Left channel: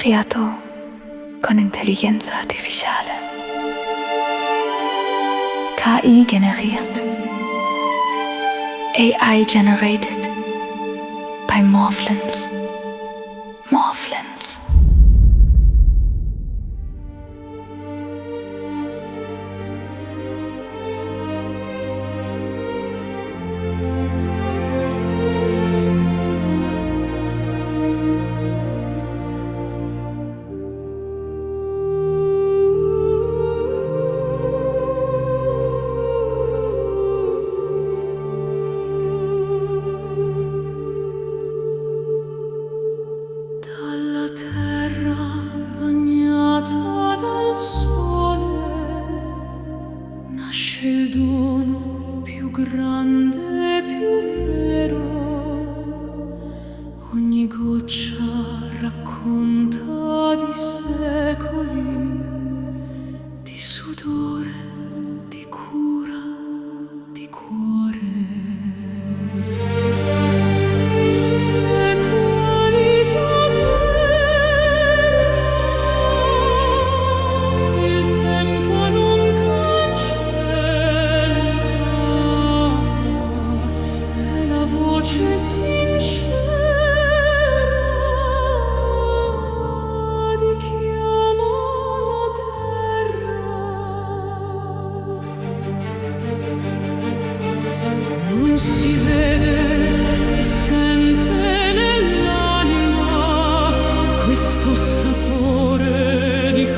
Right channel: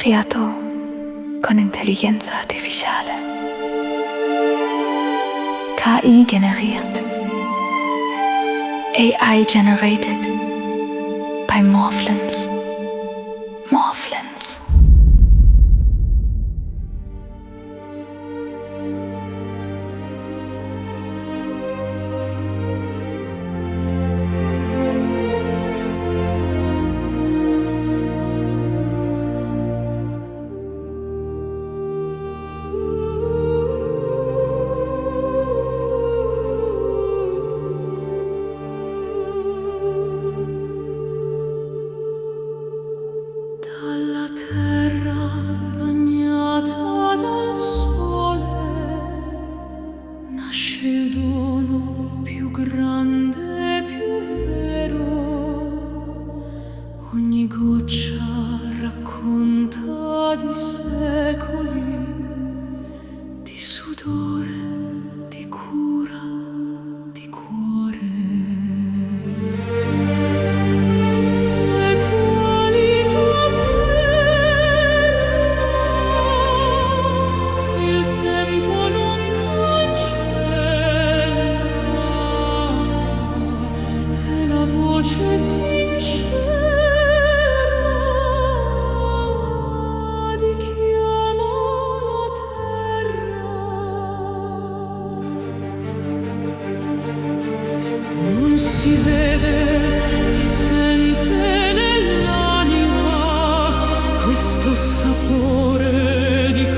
creato con intelligenza artificiale. KI generiert. AI generated by Morphlins. Morphlins. Dalla terra bagnata dal sole nasce il dono più grande, più vero. Ogni goccia racconta di secoli di sudore, di cura, di cuore. Voce sincera di chi ama la terra. Non si vede, si sente nell'anima questo sapore di